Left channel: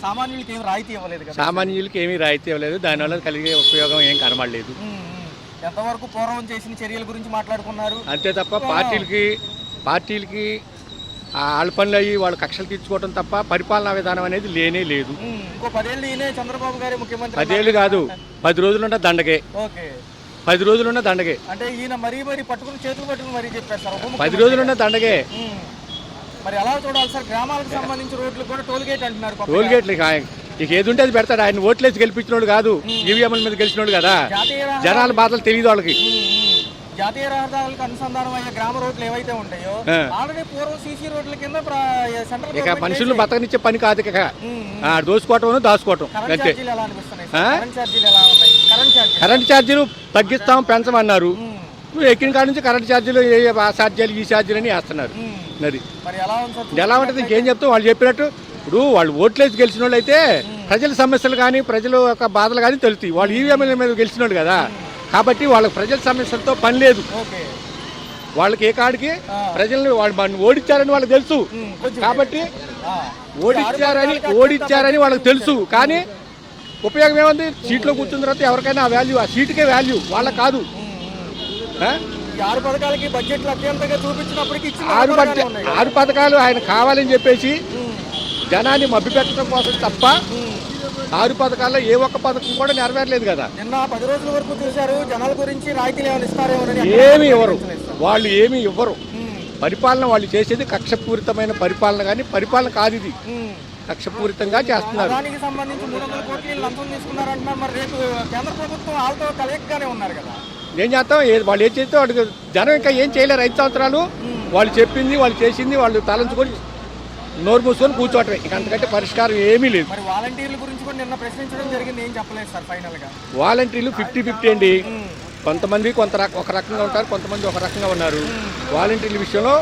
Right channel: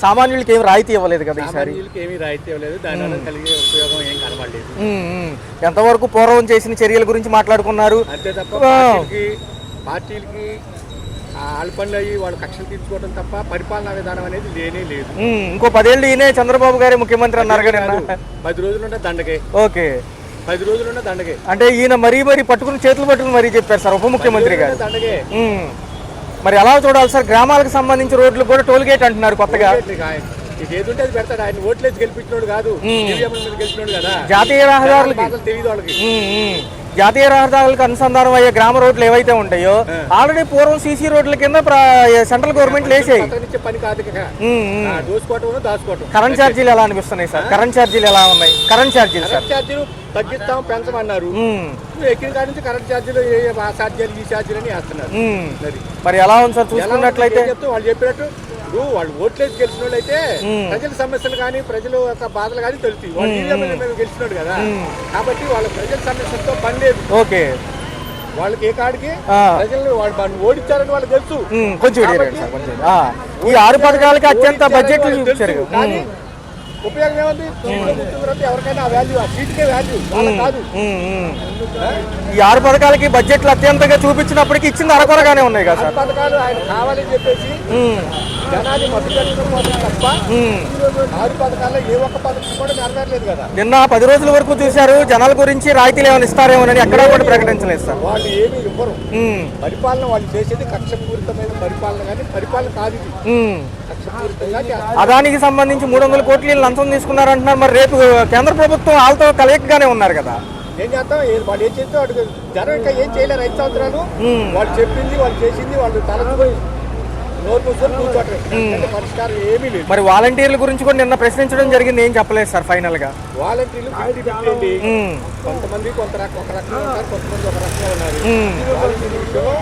సామాన్యులకి ఏమి రాయితీ ఇవ్వలేదు కదా. సామాన్యులకి ఏమీ రాయితీ ఇవ్వలేదు, దానివల్ల కలిగే ఉపయోగం ఏం కనబడలేదు. ఎంతవరకు పూర్వం చేసిన చర్యల గురించి మాట్లాడుకున్నారు అంతే తప్ప పార్టీలకి వాళ్ళ పనులు అయ్యి వాళ్ళు కక్షలు తీర్చుకోవడం తప్ప పరిపాలనా విధానం అనేది లేనే లేదు. ఇంకో 10 ఏళ్ళు ఈయనే చంద్రబాబు గారి ముఖ్యమంత్రి అన్నారు కాదు, 10 రోజులుంటే దండగే. ఓకే, 10 రోజులున్న దండగే. అంటే ఈయన మరీ పట్టుకుని చేతులు పట్టుకుని మరీ చెప్పారు సార్ ఉప ముఖ్యమంత్రి దండగే. మరి ఎలా చూడాలి సార్? గ్రామాలకు సంబంధించి రోడ్లు కూడా టోల్ గేట్ అంటున్నారు కొత్తగా. ఇక ఏది ఉంటే అది పెడతాడు. ఆయన ఓట్లేసి గెలిపించినోడు కాదు, ఈవీఎంల మీద గెలిచినోడు కదా. జాతీయ రహదారులు బాధలు తెలియదు వాళ్ళకి. జాతీయ రహదారులకు అనుసంధానం అయ్యే గ్రామ రోడ్లు ఏవైతే ఉంటాయో ఆల్రెడీ పూర్వం సీసీ రోడ్ల కింద సెంట్రల్ గవర్నమెంట్ పని కాదు, దోసుకోవటం దాచుకోవటం. కరెంట్ ఛార్జీలు ఎలా అనిపిస్తున్నాయి సార్? కరెంట్ ఛార్జీలు ఎలా ఉన్నాయి? కరెంట్ ఛార్జీలు తగ్గిస్తాం పెంచమన్నారు. ఎక్కిన కాడ నుంచి కరెంట్ ఛార్జీలు ఆ ఛార్జీలు ఈ ఛార్జీలు అని వేస్తున్నారు. మరి ఎలా ఉంది సార్? ఏం చెప్తాం, వాళ్ళు చెప్పినట్టు ఇప్పుడు వాళ్ళు ఓట్లేసి గెలిచిన వాళ్ళు అయితే ప్రజల సమస్యలు కానీ ప్రజల యొక్క బాధలు కానీ తెలుస్తాయి. వాళ్ళు ఈవీఎంల మీద గెలిచినోడు కదా, కాబట్టి వాళ్ళకి ప్రజల సమస్యలతో పని లేదు. ఓకే, వాళ్ళకి ఏ కాడికి ప్రజల్ని వాళ్ళు ఓడించారని వాళ్ళకి తెలుసు. కాబట్టి వాళ్ళకి తెలుసు, కానీ ఉపయోగం ఏముంది? సీట్లో కూర్చున్న తర్వాత ఎవరికైనా వాల్యూ, ఆ సీటుకే వాల్యూ, వాళ్ళకి కాదు. ఈ 6 పథకాలకి బడ్జెట్లు అత్యంతగా చూపించినప్పటికీ ఇచ్చింది అరకొరగానే ఉన్నాయి కదా. 6 పథకాలు ఆయన కావాలని చెప్పేసి జనాన్ని మభ్యపెట్టడం కోసం తప్ప 6 పథకాల్లో ఏ ఒక్క పథకం కూడా నెరవేరలేదు కదా. నిన్న 10 రోజుల వరకు చూశారు, జనాల గురించి రాయితీలు ఏమైనా ఇస్తారేమోనని ఎక్కడ ప్రకటించలేదు సార్. వాళ్ళు ఏమి ఇవ్వరు. పరిపాలన వాళ్ళు చేసేది కక్షపూరితమైన పరిపాలన, కానీ పరిపాలన కాదు ఇది, కక్షపూరితంగా చేస్తారు. అదానికి సంబంధించి 300 కోట్లు లంచం తీసుకున్నారంటున్నారు. మరి రేపు కేంద్ర ప్రభుత్వం వాళ్ళతో కలయికగానే ఉన్నారు కదా. ఏం చేస్తాం, వాళ్ళు ఏం చేస్తే వాడికి జనం ఇంకా ఏం చేయలేరు. 5 సంవత్సరాలు వాళ్ళు చెప్పింది వాళ్ళు చేసింది వాళ్ళు తలంచుకొని నోరు మూసుకొని కూర్చోవటమే, అంటే పరిష్కారం ఏమీ లేదు. మరి వాలంటీర్ల గురించి కూడా నిన్న ప్రశ్నించడం జరిగింది, ఏం చెప్పలేదు సార్ ఫైనల్ గా? వాలంటీర్లు 50-50 అండి. కొంతమంది ఒక రకంగా ఉంటారు, కొంతమంది ఒక రకంగా ఉన్నారు. వాలంటీర్ల విషయంలో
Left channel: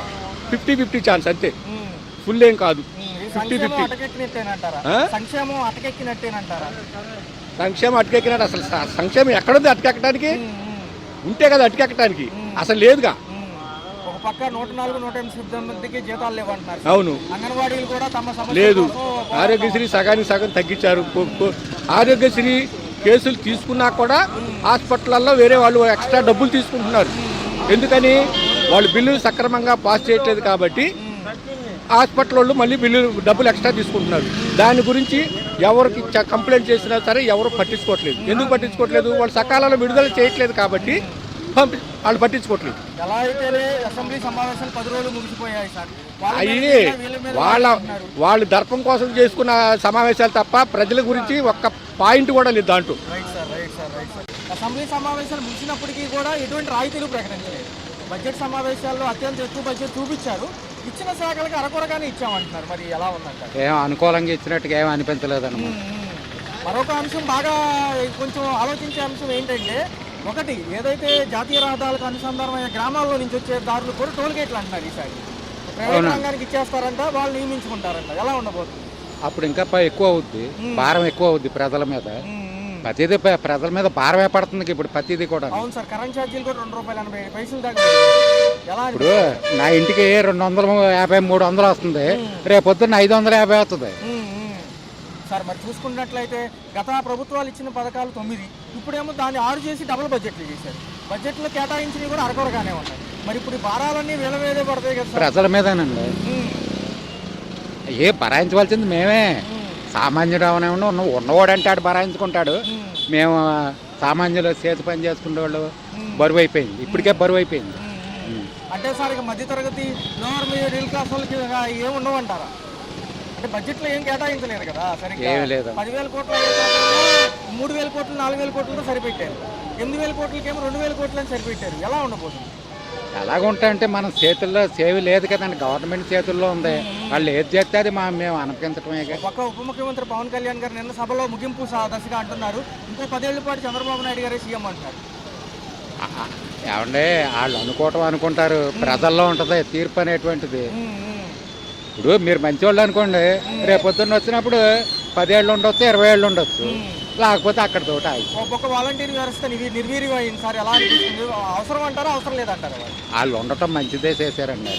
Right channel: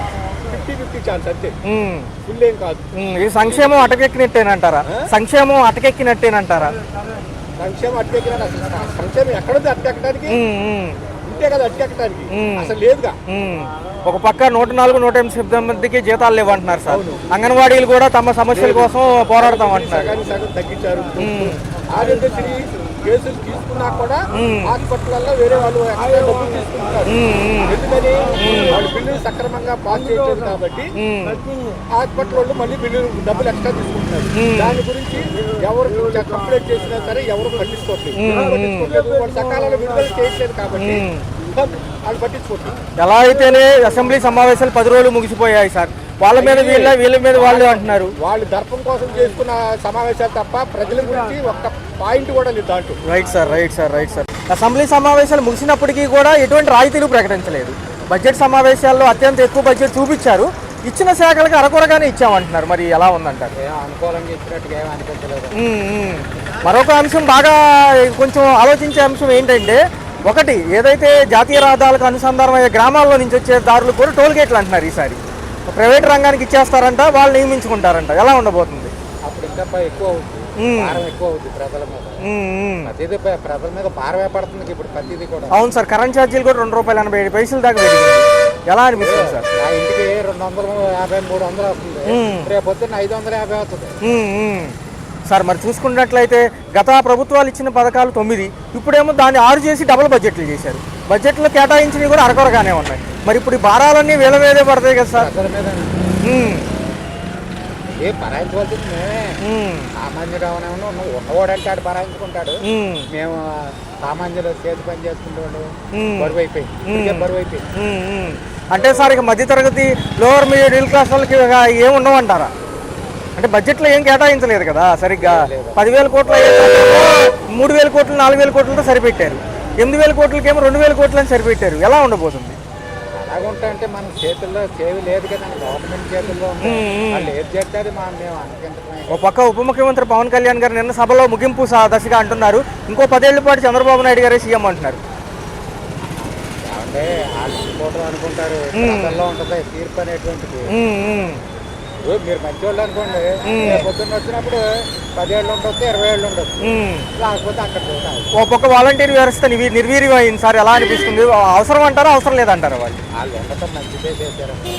50-50 ఛాన్స్ అంతే, ఫుల్ ఏం కాదు. ఇది సంక్షేమం అటకెక్కినట్టేనంటారా? సంక్షేమం అటకెక్కినట్టేనంటారా? సంక్షేమం అటకెక్కినట్టు అసలు సంక్షేమం ఎక్కడుంది అటకెక్కడానికి? ఉంటే కదా అటకెక్కడానికి, అసలు లేదుగా. ఒక పక్క 104, 108 మందికి జీతాలు లేవంటున్నారు. అవును, అంగన్వాడీలు కూడా తమ సమస్యల కోసం పోరాడతాం. సగం తగ్గించారు. ఆరోగ్యశ్రీ కేసులు తీసుకున్నా కూడా హాస్పిటల్లో వేరే వాళ్ళు ఎక్స్ట్రా డబ్బులు తీసుకుంటున్నారు. ఎందుకని? వాళ్ళు బిల్లులు సక్రమంగా పాస్ చేయట్లేదు కాబట్టి హాస్పిటల్ వాళ్ళు మళ్ళీ డబ్బులు ఎక్స్ట్రా తీసుకుంటున్నారు. దాని గురించి ఎవరికి కంప్లైంట్ చేసినా సరే ఎవరు పట్టించుకోవట్లేదు. ఎందుకు పట్టించుకోవట్లేదు? వాళ్ళు సకాలంలో విడుదల చేయట్లేదు కాబట్టి వాళ్ళు పట్టించుకోవట్లేదు. ఎలా అయితేనే అసెంబ్లీ సమావేశాలు 10 రోజులు ముగిసిపోయాయి సార్. వాళ్ళ మీద వీళ్ళ మీద వాళ్ళు అంటున్నారు. వాళ్ళు దర్పం కోసం చేసుకున్న సమావేశాలు తప్ప ప్రజల గురించి ఒక్క పాయింట్ కూడా లేదు దాంట్లో. Right sir. అసెంబ్లీ సమావేశాలు ముగిసినప్పటికీ కూడా ఎటువంటి రాయితీలు ప్రకటించలేదు. బడ్జెట్ సమావేశాల్లో అత్యంత ఎక్కువ బడ్జెట్ చూపించారు, ఇచ్చిన శాఖలకు అరకొరగానే ఇచ్చామంటున్నారు. మరి ఎలా ఉందంటారు? అనుకూలంగా ఇచ్చినట్టుగా ఏమీ అనిపించలేదు. మరొక అంశం బాగా కొంచెం ఆలోచించే అంశం ఏంటంటే, ఒకటి ఏదైతే జాతీయ రహదారులకు అనుసంధానం అయ్యే గ్రామాల్లో నుంచి వచ్చే దారులు కూడా టోల్ గేట్లు అంటున్నారు. ఈసారి ప్రైవేట్ రంగానికి ఇచ్చేస్తారంట, వాళ్ళు నియమించుకుంటారంట. ఎలా ఉండబోతుంది? అప్పుడు ఇంకా ఎక్కువ అవుద్ది, భారం ఎక్కువ అవుద్ది ప్రజల మీద. ప్రతిదీ ప్రజల మీద భారమే పడుతుంది ఇప్పుడు ప్రతిదీ కూడా. అవును సార్, కరెంట్ ఛార్జీలు కూడా ₹2.87 దాకా ఎలా అనిపిస్తుంది సార్? నా ఇంటికి 250, 300 వస్తుంది, రేపు పొద్దున్న 550 వస్తుంది సార్. మరి చూసుకున్నట్లయితే గత ప్రభుత్వాలు ఇచ్చిన పథకాలు 9, ఇప్పుడేమో దాన్ని 6 చేసి డబుల్ బడ్జెట్లు చేశారు. బడ్జెట్లో కేటాయించినవి కూడా అరకొరగానే ఉన్నాయి. మరి ఇప్పుడు ఈ భారాలన్నీ వీళ్ళ మీదే పడతాయి కదా సార్? ప్రజల మీద ఏ భరాయించవలసింది మేమే. సామాన్యుడు అవనేమో ఉన్నవాడంటే ఆడు భరాయించుకుంటాడు. మేము సామాన్యులు చేతి పని చేసుకునే వాళ్ళు బరువు అయిపోయింది, ఇప్పటికే బరువు అయిపోయింది. అంటే సార్ ఇక మధ్యతరగతి లోవర్ మిడిల్ క్లాస్ వాళ్ళకి ఏమి ఉండవంటారా? అంటే బడ్జెట్లో ఏం కేటాయించలేదు కదా సరిగ్గా. 10,000 కోట్లు 3,000 కోట్లు 4,000 కోట్లతో సరిపెట్టారు. 8,000 కోట్లకేమో 2,000 కోట్లని సరిపెట్టారు. ఎలా ఉండబోతుంది? ఎలాగుంటాయంటే మన చేతుల్లో సేవి లేదు కదండి, గవర్నమెంట్ చేతుల్లో ఉంది. వాళ్ళు ఏది చేస్తే అది మేము అనుకుంటమే. ఒక పక్క ఉప ముఖ్యమంత్రి పవన్ కళ్యాణ్ గారు నిన్న సభలో ముగింపు దశగా అంటున్నారు, ఇంకో 10 ఏళ్ల పాటు చంద్రబాబు నాయుడు గారే సీఎం అంటున్నారు. ఏమంటే వాళ్ళు అనుకుంటారు, ప్రజల్లో ఉంటది తీర్పు అనేటువంటిది. ఇప్పుడు మీరు మంచివాళ్ళు అనుకోండి, రేపు పొద్దున్న వచ్చినప్పుడు 10 ఏళ్ళు ఉండొచ్చు, 20 ఏళ్ళు ఉండొచ్చు, లేకపోతే అక్కడ ఒక పక్క వాలంటీర్ వ్యవస్థ నిర్వీర్యం అయింది సార్. ఎలా అనిపిస్తుంది? అవసరం అంటారా, అవసరం లేదంటారా? వాళ్ళు ఉండటం మంచిదే చేశారండి.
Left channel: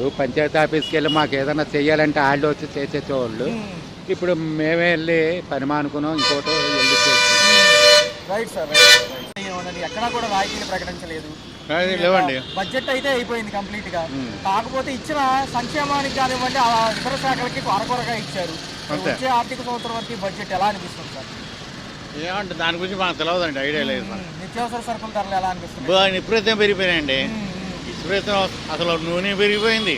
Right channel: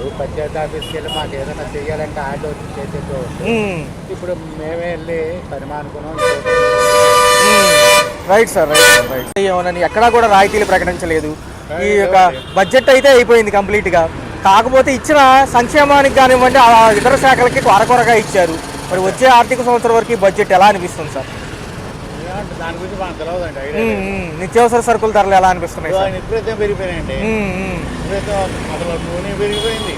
ఇప్పుడు పంచాయతీ ఆఫీస్కి వెళ్ళి మాకు ఏదైనా చెయ్యాలంటే వాళ్ళు వచ్చి చేసేసేవాళ్ళు. ఇప్పుడు మేమే వెళ్ళి పని మానుకున్నాం. Right sir, right. ఏమోనని ఎక్కడా కూడా రాయితీలు ప్రకటించలేదు. ఈ యొక్క బడ్జెట్ అయితే అయిపోయింది కంప్లీట్ గా. కాకపోతే ఇచ్చిన సంక్షేమానికి కానివ్వండి ఆ ఇతర శాఖలకి కొరకొరగా ఇచ్చారు. మరి వచ్చే ఆర్థిక సంవత్సరం వరకు ఈ బడ్జెట్ ఎలా అనిపిస్తుంది సార్? దాని గురించి మనకు తెలియదండి, ఐడియా లేదు. నిత్యావసర సరుకుల ధరలు ఎలా అనిపిస్తున్నాయి? విపరీతం పెరిగిపోయినాయండి. విపరీతం, అసలు నూనె పెరిగిపోయింది.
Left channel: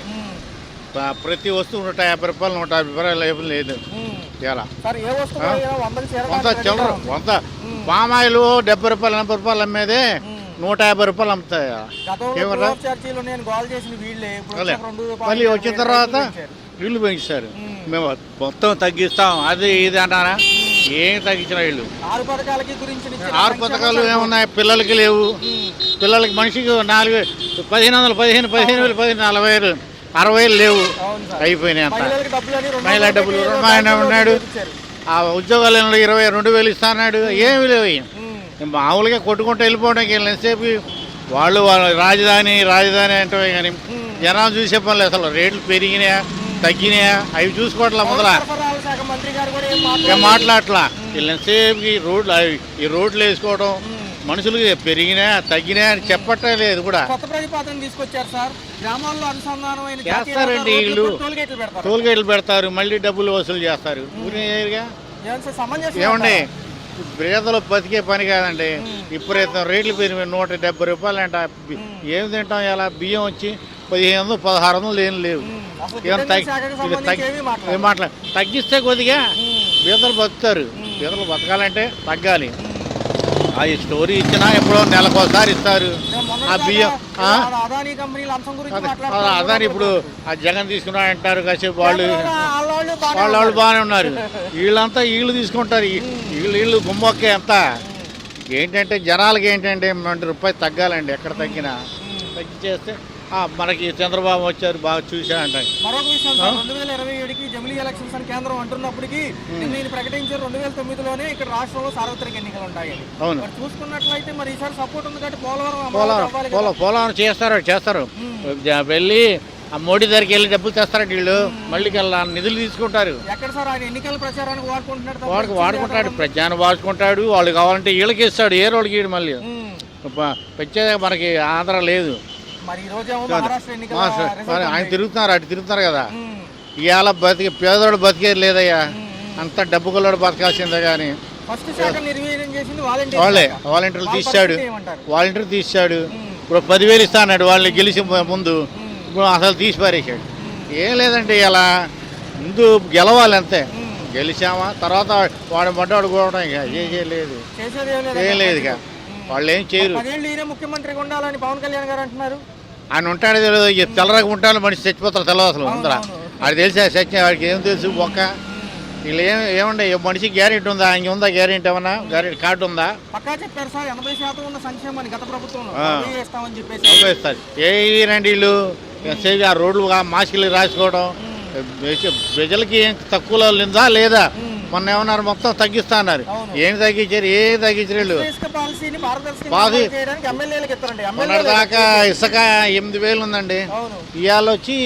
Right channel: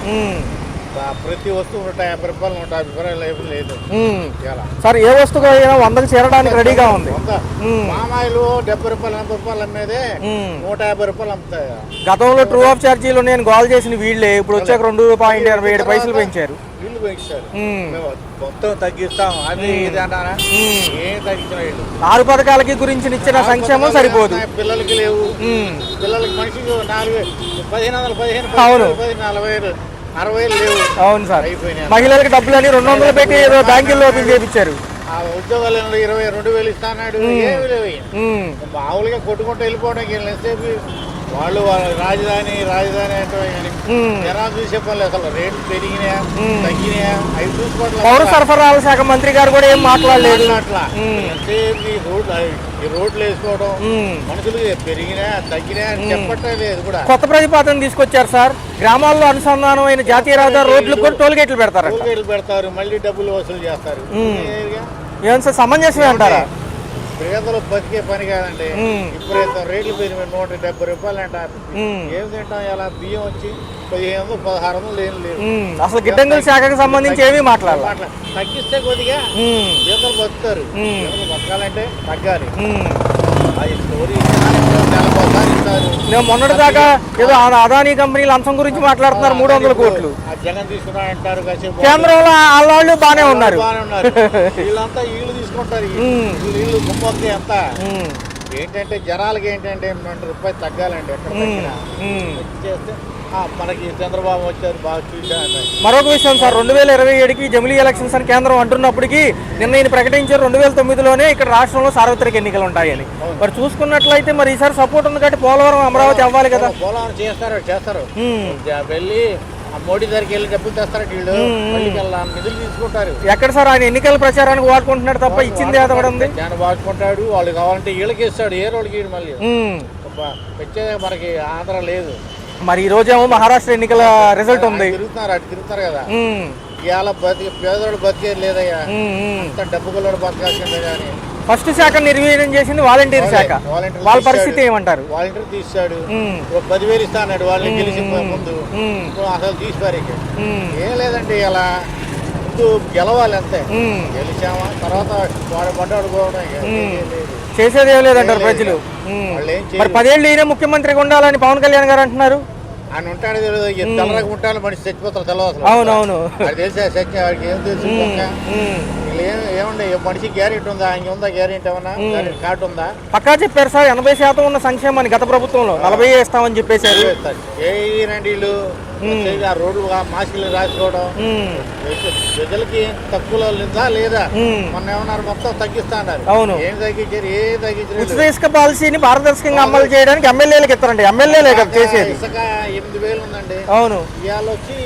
ప్రతి వస్తువు 150 రూపాయలు 150 రూపాయలు లేదు సార్. ఏ వస్తువు 100కి చేరడానికి రెడీగా ఉంది. మామాయిలు 70 రూపాయలు 80 రూపాయలు అమ్మేదే 150 రూపాయలు అమ్ముతాయి. గతంలో ట్రూ ఆఫ్ ఛార్జీలు నేను కాల్ చేసిన వీళ్ళే ఇప్పుడు వచ్చాక 2.27 పైసలు పెంచారు. వీళ్ళు పెంచారు. మేము మొత్తం తగ్గిస్తాం అది ఇది అంటారా? ఏం తగ్గించిన వీళ్ళు 6 పథకాలకి గురించి ఇచ్చిన సంక్షేమం సరిపోదు. పిల్లలకి లేవు. పిల్లలకి మనిషికి 1500 40,000 60,000 లేవు. అవును సార్. అయిపోయినాయి. మహిళలకు డబ్బులని 200 పెట్టి బ్యాంకుల్లో చేయించారు. ఆ ఉద్యోగాలు 22,000 ఇస్తాడు. ఏమి లేవు. మామూలుగా కొట్టుకుంటూ వెళ్ళిపోవడానికి ఎంతసేపు వాళ్ళు రాజధాని అంటే కానీ జనాలు చూసే పనులు అసలు రేట్లు పెరిగినాయా తగ్గినాయా అవి చూసుకోవట్లా. పౌర సరఫరాల శాఖ మంత్రి గారు కూడా ఏం మాట్లాడట్లా. ఎంతసేపు ఈ రోడ్లు వేసుకోవడం మనుషులు పెరిగినా తగ్గినా అని చెప్పట్లే లేదు. కూడా కొత్త ప్రతిపాదన తీసుకొచ్చారు సార్. గ్రామాల్లో అనుసంధానమైన జాతీయ రహదారి రోడ్లు కూడా టోల్ గేట్లు పెడతారు. మళ్ళీ డబ్బులు వసూలు చేస్తారు. ఏం సార్ సమంజసం అంటారా? పేదలు బతికే పని కాదండి. ఇప్పుడు రేట్లు పెరిగి 170 రూపాయలు అంట. ఏం తింటాం? ఇలా బియ్యం వచ్చి 1500 1600 లేవు. అసలు గిడ్డంగుల శాఖకు సంబంధించి ఏమీ మాట్లాడాలి. తగ్గిస్తే కొద్దిగా పేదలు బతుకుతారు. పేదలు బతకాలంటే తగ్గాలి. అది స్టోరీ ఇచ్చినా ఎప్పుడో నెలకోసారి ఇస్తారు. మొన్నటిదాకా ఏదో అదానీ కంపెనీల అంశం గురించి మాట్లాడుతున్నారు. 300 కోట్లు ఆ జగన్ తీసుకున్నా అంటారు. కాసేపు కేంద్రంలో వాళ్ళు బానే ఉన్నారు. వీళ్ళంతా వీళ్ళు తీసుకుంటారు. వీళ్ళు గుమ్మొక్కే అంతా. ఏంటంటే జనాలకి ఏంటంటే 2 రూపాయలు తగ్గాలండి. ఎక్కడ తగ్గినా చేస్తే మనకి చంద్రబాబు వచ్చారు బాగా చూశారంట. మరొక విషయం సార్, 2027కి జమిలీ ఎలక్షన్స్ అని కేంద్రం అంటున్నప్పటికీ నిన్న ఈయన ప్రకటించారు 2009లోనే ఇక్కడ రాష్ట్రంలో సార్వత్రిక ఎన్నికలు ఉంటాయని. మరి చూసుకున్నట్లయితే మరి ఈసారి సపోర్ట్ ఉంది కాబట్టి పోలవరం అమరావతి అవ్వాలి కదా. పోలవరం చేస్తారు. వెళ్ళి మోడీ దగ్గరికి వెళ్ళి డబ్బులు తెస్తారంట వీళ్ళు. మళ్ళీ నిధులు తీసుకుంటారు. ఎక్కడ సార్ ఆయన ఎన్నికల ప్రచారానికి వాడుకుంటున్నాడు తప్ప ఇచ్చింది ప్రచారం వాడుకుంటాడు. వాళ్ళు కావాలంటే వీళ్ళకి ఇస్తాడు. ఏ రోడ్డుకి మళ్ళీ వచ్చేదే మనకి ఆంధ్ర లేదు. మరి ఈ రోజేమో మహారాష్ట్ర ఎన్నికల రిజల్ట్ ఉంది. తిరుగుతారు కదా. ఇవాళ పేదోడు బతికేది లేదయ్యా. అంత డబ్బు కొల్లడు బతకాల్సిందే గానీ. ఫస్ట్ శాఖ నిర్వీర్యం చేసింది వాలంటీర్ శాఖ. వాళ్ళ పరిస్థితి ఏమంటారు? వాలంటీర్ తీసాడు. ఇప్పుడు 10,000 ఇస్తా అన్నాడు. వాళ్ళని గెలిచి ముందు అసలు తీసి పారేసాడు. ఏం లేదండి, ఇలా ముందు గెలవాలి అంతే. గెలిచామా తర్వాత వాడు బండాడు కూడా లేదు. చేసేది ఏం లేదంటారు ప్రజలు. వాళ్ళు ఏం చేయరు. 10 ఏళ్ళు ఈయన ముఖ్యమంత్రిగా ఉండాలని పవన్ కళ్యాణ్ గారు అంటున్నారు. ఆయన ఉంటాడు తెలియదు. తెల్లరగా ఉంటాను మనిషి చచ్చిపోతారు తెలియదు అసలు. అవునవును. అది తెలిసా సత్యం. వాడికి ఏం తెలుసు మొక్క. వీళ్ళు ఏమండి మనిషి గ్యారెంటీ ఉందా? ఆయన ఉందా గ్యారెంటీ? ఏమన్నా గ్యారెంటీ కార్డు ఉందా? పక్కా చెప్పారు సార్. 80% ఉన్న సంక్షేమాన్ని గత ప్రభుత్వంలో 40 ఇస్తామని చెప్పేసి రండి వీళ్ళు. రోడ్లు మాస్కులు రాసుకోవడం ప్రజలకి ఏం తక్కువ లేదా? మొన్న ఏమన్నారు మొత్తం తగ్గిస్తా అన్నారు. ఏం తగ్గించారు? ఇసుక పాలసీని పారదర్శకంగా అమలు చేయడానికి ఎమ్మెల్యేలకు ఇస్తారండి. ఎమ్మెల్యేలే ఇసుక 8,000 ఉందండి. అవును. ఇవాళ వచ్చి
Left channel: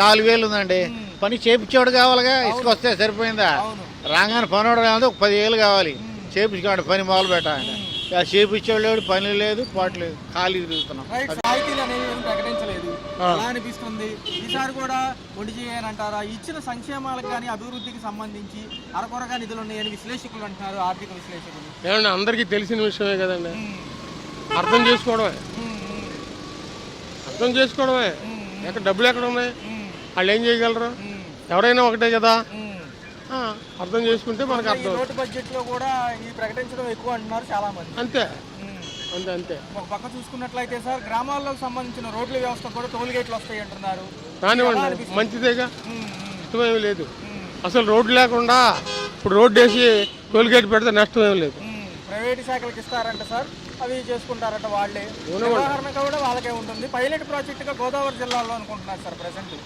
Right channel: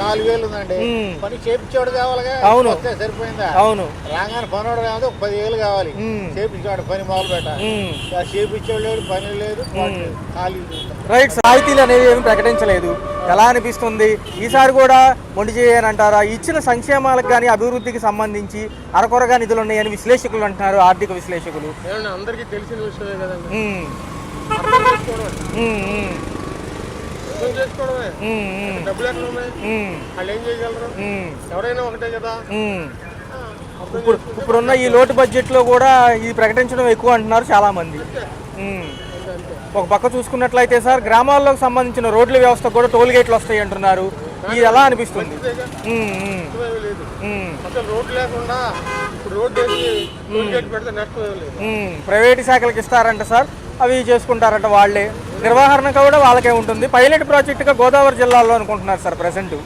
4,000 ఉందండి. పని చేపించేవాడు కావాలిగా. వస్తే సరిపోయిందా? అవును. రాగానే పనివాడు కాదు. 10,000 కావాలి. చేపించుకోండి పని మొదలు పెట్టాలి. చేపించేవాడు పని లేదు ఖాళీ. రైట్. రాయితీలు అనేవి ఏమి ప్రకటించలేదు. ఎలా అనిపిస్తుంది ఈసారి కూడా మొండి చేయనంటారా? ఇచ్చిన సంక్షేమాలకు కానీ అభివృద్ధికి సంబంధించి అరకొరగా నిధులు ఉన్నాయని విశ్లేషకులు అంటున్నారు. ఆర్థిక విశ్లేషకులు. అందరికీ తెలిసిన విషయమే కదండి. అర్థం చేసుకోవడమే. డబ్బులు ఎక్కడ ఉన్నాయి? వాళ్ళు ఏం చేయగలరు? ఎవరైనా ఒకటే కదా. అర్థం చేసుకుంటే ఇప్పుడున్న ఈ లోటు బడ్జెట్ లో కూడా ఇది ప్రకటించడం ఎక్కువ అంటున్నారు చాలా మంది. అంతే. ఒక పక్క చూసుకున్నట్లయితే సార్ గ్రామాల్లోకి సంబంధించిన రోడ్ల వ్యవస్థ కూడా టోల్ గేట్లు వస్తాయి అంటున్నారు. ఎలా అనిపిస్తుంది? మంచిదేగా. లేదు అసలు రోడ్డు లేకుండా ఇప్పుడు రోడ్డు వేసి టోల్ గేట్ పెడితే నష్టం ఏం లేదు. ప్రైవేట్ శాఖలకు ఇస్తారంట సార్. అవి చేసుకుంటారంట వాళ్ళే. నిర్వహణ కూడా వాళ్ళకే ఉంటుంది. పైలట్ ప్రాజెక్టుగా గోదావరి జిల్లాలో అనుకుంటున్నారు సార్ ప్రెసెంట్.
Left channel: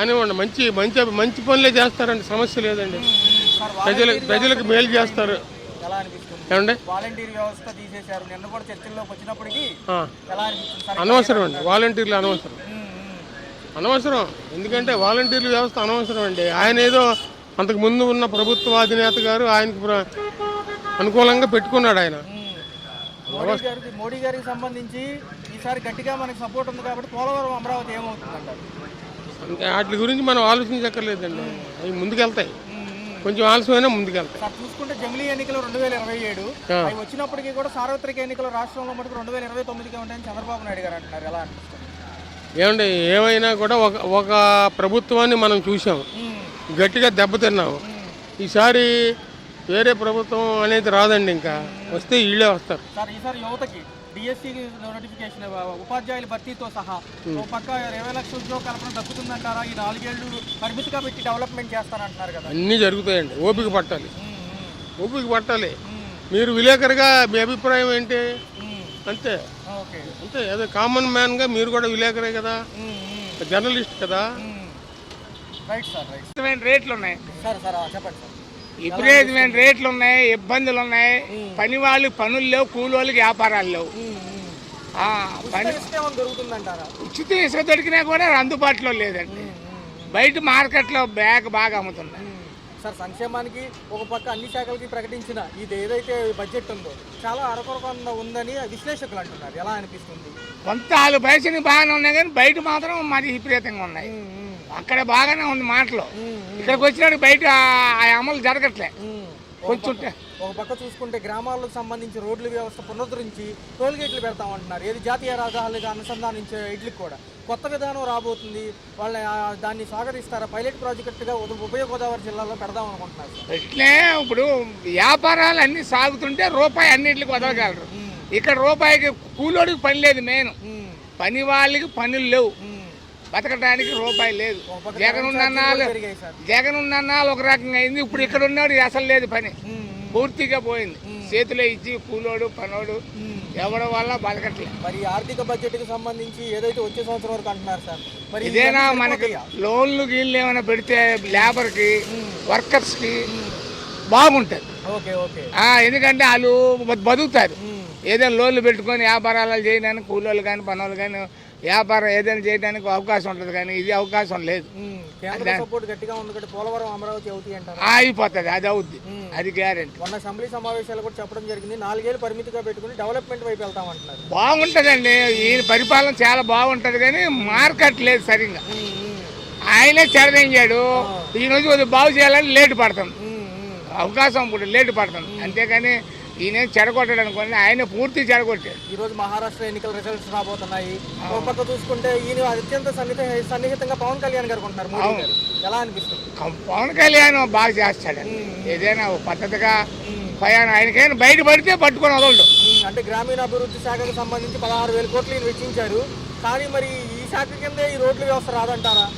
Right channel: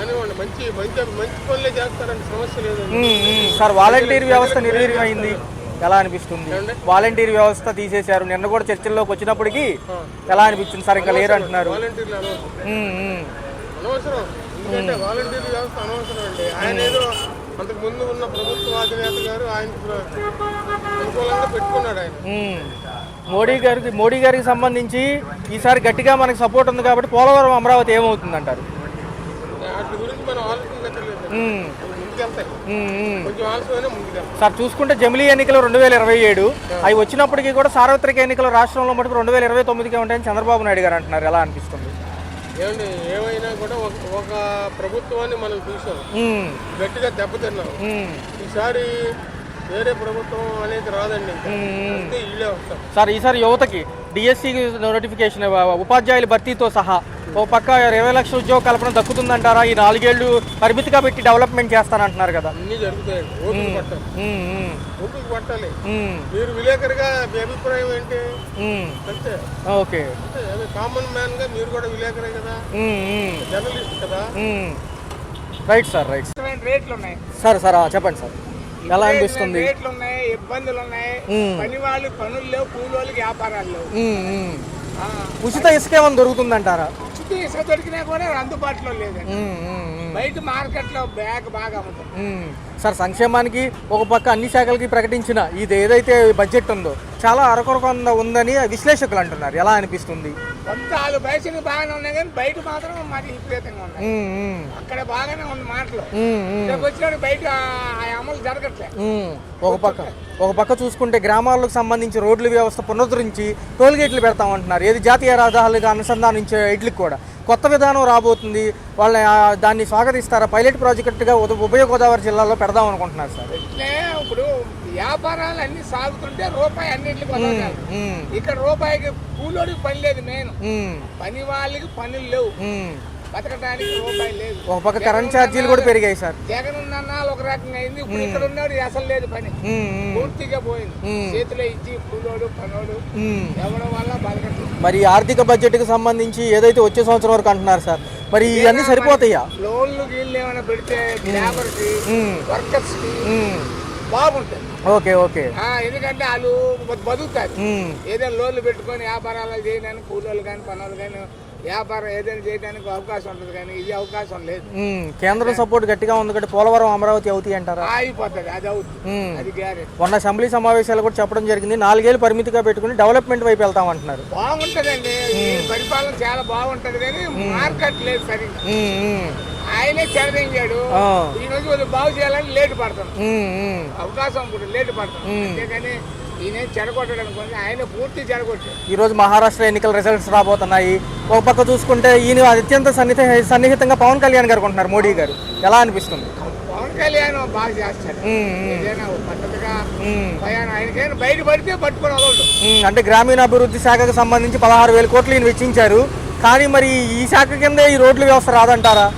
అనివ్వండి, మంచి మంచి మంచి పనులే చేస్తారండి. సమస్య లేదండి సార్. వాలంటీర్ వ్యవస్థ నిర్వీర్యమైంది. ఎలా అనిపిస్తుంది? వాలంటీర్ వ్యవస్థ తీసేశారు. నిన్న కూడా చర్చల్లోకి వచ్చినప్పటికీ ఎలా అనిపిస్తుంది సార్? వాలంటీర్లు అనవసరం. అనవసరం. ఎందుకంటే వాలంటీర్ వ్యవస్థ అనవసరం అండి. ఆయన ఏదో అంతకు ముందు ఉన్న ప్రభుత్వ అధినేత గారు ఆయనకు అనుకూలంగా పెట్టుకున్నాడు ఆయన. మోడీ గారికి సంబంధించి ఈసారి గట్టిగా మనకి సపోర్ట్ ఉంది కాబట్టి పోలవరం అమరావతి ఏమవుతుందంటారు? వాటి గురించి మనం ఆలోచించక్కర్లేదండి. అవి ముందుకెళ్తాయి, కొంచెం ఆలస్యమైనా ముందుకెళ్తాయి. సార్ చూసుకుంటే జమిలీ ఎన్నికలు 2027 అవి వచ్చినప్పటికీ కూడా సార్వత్రిక ఎన్నికలు రాష్ట్రంలో మటుకు 2029కే ఉంటాయని చంద్రబాబు నాయుడు గారు అంటున్నారు. ఎలా అనిపిస్తుంది? ఏమండి, ఏమైనా కూడా ఒక ప్రభుత్వాన్ని మనం చూసాం, గట్టిగా దెబ్బతిన్నాం. ఈసారి వేరే ప్రభుత్వం అనేది రాదండి. ఇంకా వస్తే వీళ్ళే వస్తారు. సార్ ఈసారి యువతకి డిఎస్సి నోటిఫికేషన్ ఉపాధ్యాయుల భర్తీతో సహా ఓ పక్క 20 లక్షల ఉద్యోగ కల్పన దక్కుతుందంటారా? ఈ 4 ఏళ్ళు పరిమితిగా పెట్టి డెవలప్మెంట్ చేస్తానంటున్నారు కదా. అన్నీ జరుగుతాయండి. ఓపిక పట్టాలి, ఓపిక పట్టాలి. మీరు విలేకరుగా మీ అభిప్రాయం ఏంటి? అంతే. ఓకే, అంతే. అదే కామన్ మ్యాన్ గా మీరు కూడా విలేకరే కదా, జర్నలిస్ట్ కదా. Right sir, right. రేట్లు ఉన్నాయి సార్ చెప్పండి సార్. ఎలా అనిపిస్తుంది? రేట్లు ఉన్నాయి, ఇబ్బందులు ఉన్నాయి. పని వాళ్ళు పనులు లేవు, కూలోళ్ళకి వ్యాపారాలు లేవు. ఉచిత ఇసుక ఏమైనా దొరుకుతుందంటారా? ఉచిత ఇసుక దొరికినా కూడా అందుబాటులో లేదండి. బయట మార్కెట్ లో బాగా అమ్ముతుంది. సార్ సంక్షేమానికి ఒక పక్క అన్ని శాఖలకి ప్రకటించిన ఇది ఏదైతే బడ్జెట్ ఉందో చాలా అరకొరకొంద ఉందని విశ్లేషకులు అంటున్నారు. ఎలా అనిపిస్తుంది? కొంత వాళ్ళు బయటకి బాగానే ఉన్నాయి కానీ బయట మాత్రం మరి విపరీతంగా ఉన్నాయి. అక్కడ బాగానే ఉంది మాటలు, ఇక్కడికి వచ్చినప్పుడు బయట ఆ అమలు జరగట్లే. ఒక పక్క చూసుకుంటే గ్రామాలకు సంబంధించి రోడ్ల వ్యవస్థ పునరుద్ధరించి టోల్గేట్లు పెడతామంటున్నారు. ఏది జాతీయ రహదారులుగా అనుసంధానించే ఇట్లకి కూడా కొత్త విధానం రాబోతుంది. వాళ్ళ దాన్ని స్వాగతిస్తారా? పైలట్ ప్రాజెక్టుగా ఉభయ గోదావరి జిల్లాలో పెడదాం అనుకుంటున్నారు సార్. ఇట్లే ఇప్పుడు వ్యాపారాలు అన్ని సాగుతుంటే రూపాయి అన్నిటికి వదలగలరు. ఇక్కడ రూపాయికి కూలోడికి పని లేదు. మెయిన్ పని వాళ్ళకి పనులు లేవు, బతకడానికి రూపాయి లేదు. ఒక పక్క కరెంట్ ఛార్జీలు కూడా పెరిగాయి సార్. జగన్ ఉన్న ఒక రకంగా అయింది. ఇప్పుడు ఇక్కడ ఉన్నాడు అసలు లేదు, పని పూర్తిగా పోయింది. చేతిలో ఇచ్చి కూలోడు పనోడు ఎవడం వల్ల బతకట్లేదు. మరి ఆర్థిక బడ్జెట్ కి సంబంధించి ఏదైతే వచ్చే సంవత్సరం వరకు అంటున్నారు సార్, మరి ఇవన్నీ సరిపోతాయా? లోన్లు గీళ్ళు ఏమైనా పెడితే లేబర్ కి వర్కర్స్ కి బాగుంటది. Okay okay. ఎందుకంటే వాళ్ళు బతుకుతారు. ఏదైనా లోన్లు పెట్టుకొని వ్యాపారాలు చేయడానికి కూలోళ్ళు కానీ పనులు కానీ వ్యాపారం ఏదైనా చేయడానికి అవకాశం ఉంటుంది. కానీ ఇది అవకాశం లేదు. కేంద్ర సపోర్ట్ గట్టిగా ఉంది కాబట్టి పోలవరం అమరావతి అవుతాయి అంటారా? అయిపోతుంది, అది అవుద్ది, అది గ్యారెంటీ. మొన్న అసెంబ్లీ సమావేశాలు కూడా చెప్పడం జరిగింది, 4 ఏళ్ళు పరిమితిగా పెట్టుకుని డెవలప్మెంట్ వైపు వెళ్తామంటున్నారు. బాగుంటదండి, ఈ పరిపాలన చాలా బాగుంటది కానీ మార్కెట్ లేదు సరిగ్గా. ఆయనే చెడదించాడు. ఈ రోజు బాగు చేయాలని లేటు పడతాం, అవకాశం ఇప్పుడు లేటు పడతాం. అంతేగాని ఈయన చెడగొట్టాడు అనుకోండి, ఆయన పూర్తి చెడగొట్టాడు. ఈ రోజు మహారాష్ట్ర ఎన్నికల రిజల్ట్స్ రాబోతున్నాయి. ఒక పక్క చూసుకుంటే ఈయన అత్యంత సన్నిహితంగా పవన్ కళ్యాణ్ గారు కొంటున్నారు మోడీ గారు. ఎలా అనిపిస్తుంది? పవన్ కళ్యాణ్ బాగా చేస్తాడు, ఏదైనా పద్ధతిగా భయాన్ని. ఆయనకైనా బయట పడితే పట్టుకొని వదలడు. అంటే గ్రామీణాభివృద్ధి శాఖకు సంబంధించి 16,000 కోట్లు ఈయన వెచ్చించారు. కానీ మరి ఈ శాఖ కింద ఈ రోడ్ల వ్యవస్థ రాదంటారా?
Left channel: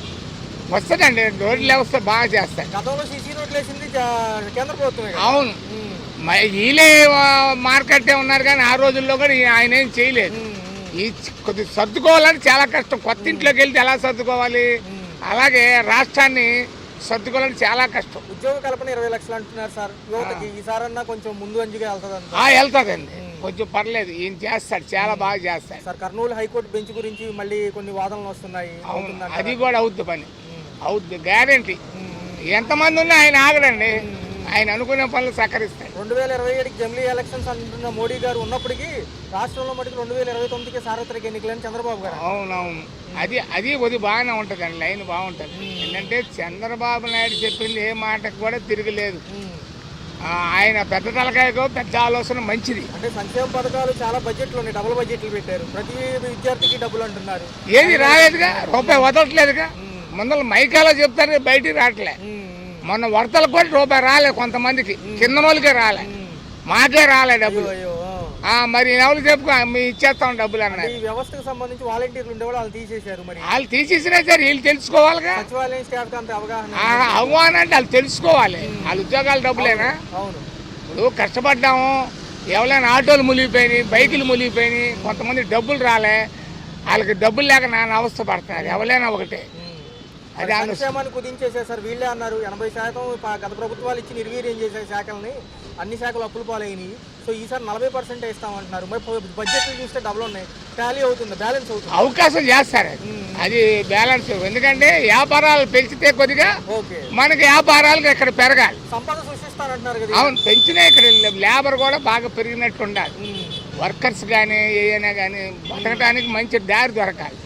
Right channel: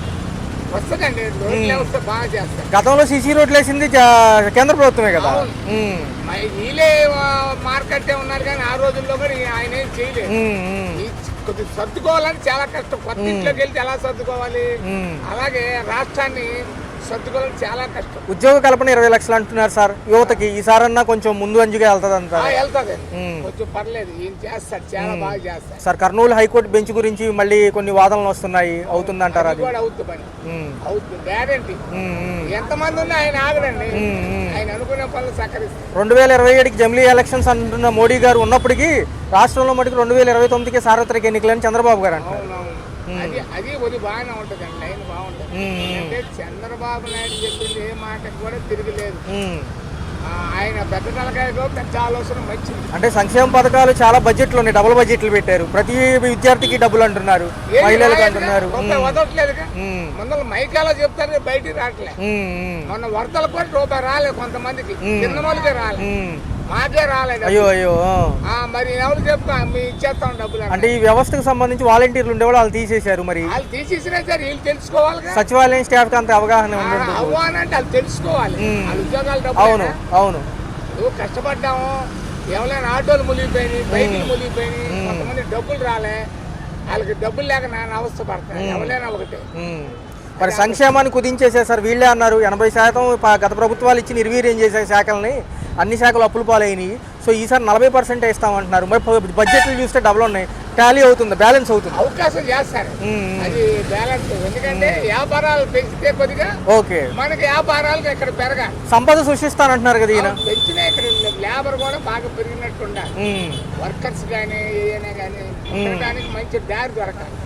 వస్తుందండి, రోడ్ల వ్యవస్థ బాగా చేస్తారు. గతంలో సీసీ రోడ్లు వేసింది కేంద్ర ప్రభుత్వమే కదా. అవును, వీళ్ళే మార్కెట్ ఉన్నారు కానీ ఆ రోజుల్లో కూడా ఆయన ఏం చేయలేదు. కొద్దిగా సర్దుకోవాలని చాలా కష్టం. కొత్త ఇంట్లోకి వెళ్తే ఎలా సర్దుకోవాలి, అలాగే రాష్ట్రాన్ని సర్దుకోవాలని చాలా కష్టం. ఉద్యోగ కల్పన 20 లక్షలు అంటున్నారు సార్ యువతకి. ఈసారన్నా కొంచెం ముందు అంజుగా వెళ్తాదంట. వెళ్తాదండి, కొంచెం పర్లేదు, ఏం చేస్తాడు, చాలా బాగా చేస్తాడు సార్. కర్నూలు హైకోర్టు బెంచ్ గురించి మళ్ళీ కొన్ని వాదనలు వస్తున్నాయి, అవుతుందంటారా? కూడా అవుతుంది, పని అవుతుంది, గ్యారెంటీ. ఎంతమంది ఉన్నా ఆయన ఆగడండి, ఆయన అనుకునే పనులు సహకరిస్తాయి. 2027కి జమిలీ ఎలక్షన్స్ అంటున్న మోడీ గారు ఉన్నప్పటికీ రాష్ట్రంలో మటుకు 2029కి సార్వత్రిక ఎన్నికలని చంద్రబాబు గారు అంటారు. అవునవును, అది బాగానే ఉంటది అండి, లైన్ బాగుంటది. ఎందుకంటే చంద్రబాబు నాయుడు చెప్పింది ఏ మాటకు కూడా తిరగలేదు. ఆయన పెద్ద తలకాయతో పెద్ద ఆలోచన మంచిది. అంటే సంక్షేమ పథకాలు చాలా బడ్జెట్లు ఉన్నాయి, డబుల్ బడ్జెట్లు పెట్టారు. ప్రతి విద్యార్థికి డబ్బులు అంటున్నారు, రూపాయి వదలట్లేదుగా. ముందర మైకాలో చెప్తారు, బయటికి రావట్లే. మొన్న వరదలకు కూడా రూపాయి రాలేదు, కొంతమందికి కింద వాళ్ళకే రాలే, మాకే రాలేదు. అయ్యో అయ్యో. మరి ఎవరు చెప్పుకో ఇచ్చేస్తాం డబ్బులు. అంటే ఈ వ్యవస్థకు సంబంధించి వాలంటీర్లు ఉండేవాళ్ళు వాళ్ళు తీసేశారు. మరి వాళ్ళు తీసేసినా సరే వీళ్ళు తెలుసుకోవాలి. సచివాలయం స్టాఫ్ కి అంత అవగాహన అంటే వాళ్ళు తెలుసుకోవాలి, వాళ్ళ ఉద్యోగాలు డబ్బులు. అవును, కష్టపడ్డాము, ఎవరైనా ఆటోలు మునిగిపోయినాయి, బైకులు మునిగిపోయినాయి, కొంతమంది డబ్బులు రాలే, వాళ్ళకి డబ్బులు లేక నాన్న అవస్థ పడుతున్నారు. ఎవరైనా ఒకటే. మరి సంక్షేమాన్ని కుదించేసేసారు వీళ్ళే అన్నారు. 80% గత ప్రభుత్వాలు ఇచ్చి నిర్వీర్యం చేసే శాఖల్ని అన్ని శాఖలు అప్పులు పాలైనవి. సో ఈసారి 40% ఇస్తామంటున్నారు. మరి బడ్జెట్లు చూస్తే డబుల్ ఉన్నాయి. టాలీ అవుతుంది, బ్యాలెన్స్ అవుతుంది. అవకాశం చేస్తారు అది బ్యాలెన్స్. ఎందుకంటే వ్యాపారాలు పెంచితే కొద్దిగా ఓకే, మనకి వ్యాపారాలు ఇక్కడ పెరగాలి. సంపద సృష్టిస్తానంటున్నారు కదా ఈయన. అవును, పెంచినా ఇక్కడ లేబర్ కూడా బాగా పెరిగినట్టు ఉండాలి. వర్కర్స్ కానీ ఏదైనా కానీ ఉండటానికి మంచి దారి దొరకాలి.